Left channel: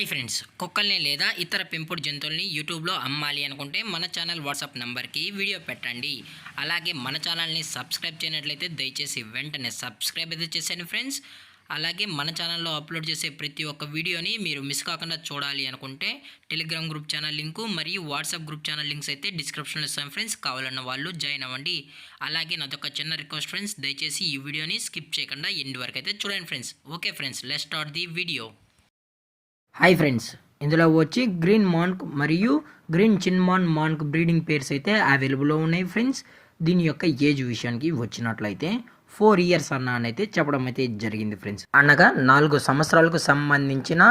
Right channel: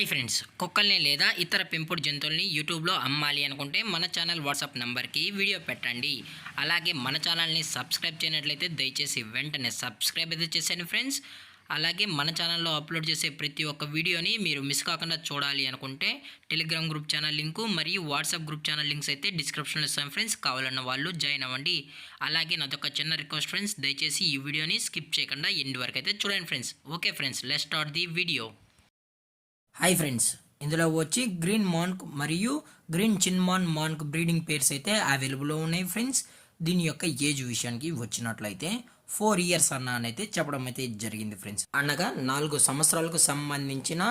Hi friends, కుక్కల్ని లేదా ఇతర పెంపుడు జంతువుల్ని యూట్యూబ్లో అమ్మాలి అనుకుంటే మన ఛానల్ వాట్సాప్ నెంబర్కి వీడియో పెట్టండి. అలాగే మన ఛానల్ని సబ్స్క్రైబ్ చేయనట్లయితే దయచేసి వెంటనే సబ్స్క్రైబ్ అయితే చేసేయండి ఫ్రెండ్స్. అలాగే మన ఛానల్లో అప్లోడ్ చేసే ప్రతి ఒక్క వీడియోని మీరు మిస్ కాకుండా చూడాలి అనుకుంటే టెలిగ్రామ్ గ్రూప్ ఛానల్ లింకు మరియు వాట్సాప్ గ్రూప్ ఛానల్ లింక్స్ అయితే డిస్క్రిప్షన్లో ఇస్తాను ఫ్రెండ్స్. కావాలన్న వాళ్ళు జాయిన్ అవ్వండి. అలాగే నాదొక చిన్న రిక్వెస్ట్ ఫ్రెండ్స్, దయచేసి ఈ వీడియోని స్కిప్ చేయకుండా ఎండ్ వరకు అయితే చూడండి friends. Okay friends, let's start the video. Hi friends, ఇందులో వచ్చి గ్రీన్ మాన్క్ మరియు గ్రీన్ చిన్మాన్ మాన్క్ బ్రీడింగ్ పేర్స్ అయితే అవైలబుల్లో ఉన్నాయి ఫ్రెండ్స్. దీని యొక్క ఏజ్ విషయానికి వచ్చినట్లయితే 4 years అయితే చెప్పడం అయితే జరిగింది ఫ్రెండ్స్. అనగా 4 సంవత్సరాలకు సంబంధించిన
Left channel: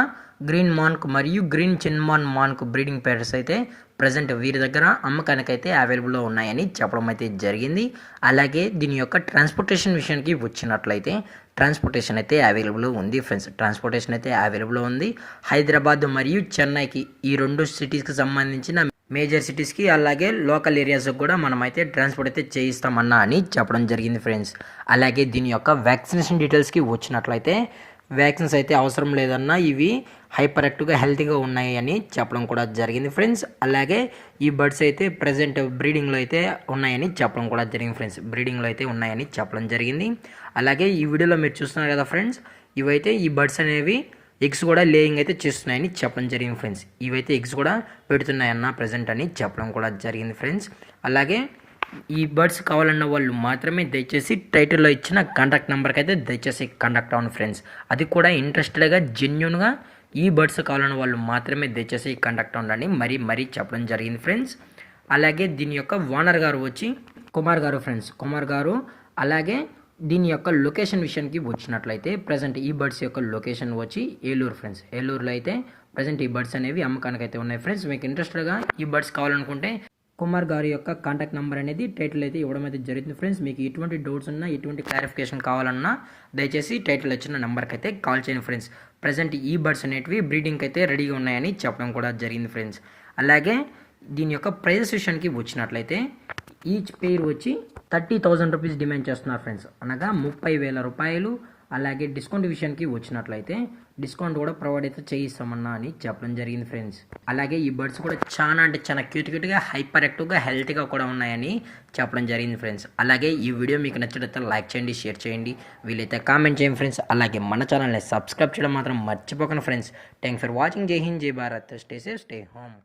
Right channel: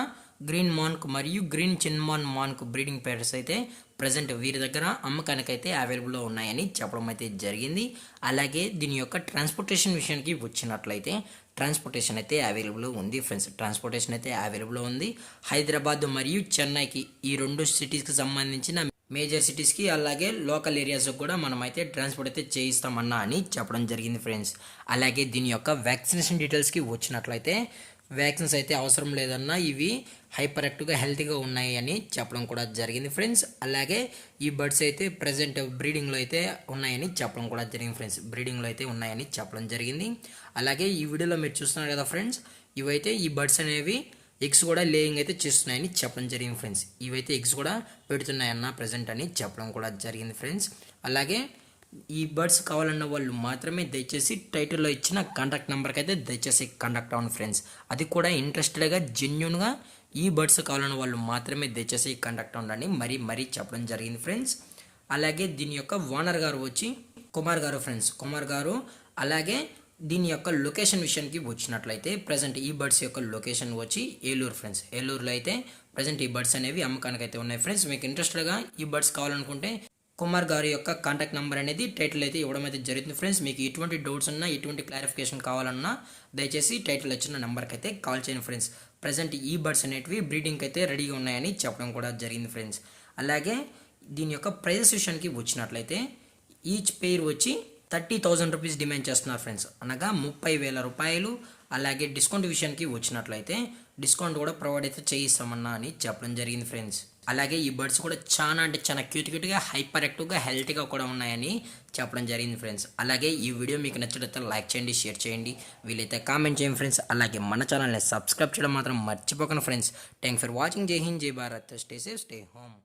గ్రీన్ మాన్క్ మరియు గ్రీన్ చిన్మాన్ మాన్క్ బ్రీడింగ్ పేర్స్ అయితే ప్రజెంట్ వీరి దగ్గర అమ్మకానికి అయితే అవైలబుల్లో ఉన్నాయని చెప్పడం అయితే జరిగింది. అలాగే దీని యొక్క ట్రాన్స్పోర్టేషన్ విషయానికి వచ్చినట్లయితే ట్రాన్స్పోర్టేషన్ అయితే అవైలబుల్ ఉంది ఫ్రెండ్స్. ట్రాన్స్పోర్టేషన్ అయితే అవైలబుల్ ఉంది. హైదరాబాద్ మరియు చెన్నైకి, ఈ 2 సిటీస్కి సంబంధించిన మేజర్ సిటీస్కి అలాగే లోకల్ ఏరియాస్కి కూడా మనమైతే ట్రాన్స్పోర్ట్ అయితే చేయిస్తామన్నా అని చెప్పడం జరిగింది ఫ్రెండ్స్. అలాగే దీని యొక్క వ్యాక్సినేషన్ డీటెయిల్స్కి వచ్చినట్లయితే వ్యాక్సిన్స్ అయితే అవసరం లేదన్నా ఇవి హైపర్ యాక్టివ్గా హెల్తీగా ఉన్నాయి అని చెప్పడం కూడా జరిగింది ఫ్రెండ్స్. అలాగే ఈ బర్డ్స్ అయితే ప్రజెంట్ బ్రీడింగ్లో అయితే ఉన్నాయని చెప్పడం కూడా జరిగింది ఫ్రెండ్స్. బ్రీడింగ్లో అయితే ఉన్నాయని చెప్పడం జరిగింది. అలాగే ఈ వీడియోలో మీరు చూస్తున్నారు కదా ఫ్రెండ్స్, ఇవైతే ఈ బర్డ్స్ అనేవి ఎగ్స్ కూడా లేయింగ్ అయితే చేస్తున్నాయని చెప్పడం జరిగింది ఫ్రెండ్స్. ఇవైతే ఎగ్స్ కూడా పెడుతున్నాయన్న ప్రజెంట్ అని చెప్పడం కూడా జరిగింది ఫ్రెండ్స్. అలాగే ఈ బర్డ్స్ కావాలన్న వాళ్ళు మాత్రమే దయచేసి టైటిల్లో ఇచ్చిన కాంటాక్ట్ నెంబర్కి అయితే దయచేసి కాంటాక్ట్ అవ్వండి ఫ్రెండ్స్. అది కూడా ఇంట్రెస్టెడ్గా జెన్యున్గా ఈ బర్డ్స్ కావాలన్న వాళ్ళు మాత్రమే దయచేసి కాంటాక్ట్ అవ్వండి మరీ చెప్పడం జరిగింది ఫ్రెండ్స్. అలాగే దీని యొక్క ఓనర్ గారు వచ్చి కుమార్ గారు ఫ్రెండ్స్, కుమార్ గారు. అలాగే దీని యొక్క లొకేషన్ విషయానికి వచ్చినట్లయితే ప్రజెంట్ ఈ బర్డ్స్ యొక్క లొకేషన్ వచ్చి ఏలూరు ఫ్రెండ్స్. ఏలూరులో అయితే ప్రజెంట్ ఈ బర్డ్స్ అనేవి అమ్మకానికి అయితే ఉన్నాయి ఫ్రెండ్స్. మీకు ఇంట్రెస్టెడ్గా ఈ బర్డ్స్ కావాలనుకుంటే కుమార్ గారి యొక్క కాంటాక్ట్ నెంబర్ అనేది టైటిల్ అయితే ఇవ్వడం అయితే జరుగుతుంది ఫ్రెండ్స్. మీకు ఎటువంటి డౌట్స్ ఉన్నా, ఎటువంటి క్లారిఫికేషన్ కావాలన్నా దయచేసి టైటిల్ వచ్చిన నెంబర్కి అయితే కాల్ చేయండి ఫ్రెండ్స్. ప్రజెంట్ ఈ బర్డ్స్ అనేటివి బ్రీడింగ్కి అయితే రెడీగా ఉన్నాయని చెప్పడం కూడా జరిగింది ఫ్రెండ్స్. అలాగే దీని యొక్క ప్రైజెస్ విషయానికి వచ్చినట్లయితే ఈచ్ పెయిర్ వచ్చి 30,000 రూపీస్ డిమాండ్ చేస్తున్నారు ఫ్రెండ్స్, అనగా 30,000 రూపాయలు. అలాగే డిస్కౌంట్ విషయానికి వచ్చినట్లయితే డిస్కౌంట్ కూడా ప్రొవైడ్ అయితే చేయిస్తామన్నా అని చెప్పడం జరిగింది ఫ్రెండ్స్. అలాగే ఈ బర్డ్స్ కూడా చాలా క్యూట్గా హైపర్ యాక్టివ్గా హెల్తీగా కూడా ఉన్నాయని చెప్పడం జరిగింది ఫ్రెండ్స్. అలాగే ఈ వీడియో మీకు నచ్చినట్లయితే లైక్ చేయండి, షేర్ చేయండి, వీలైతే కామెంట్ చేయండి ఫ్రెండ్స్. అలాగే మన ఛానల్ని సబ్స్క్రైబ్ చేయడం మాత్రం మర్చిపోకండి ఫ్రెండ్స్. Thanks for watching. జై హింద్, జై Bharat. Stay safe, stay home.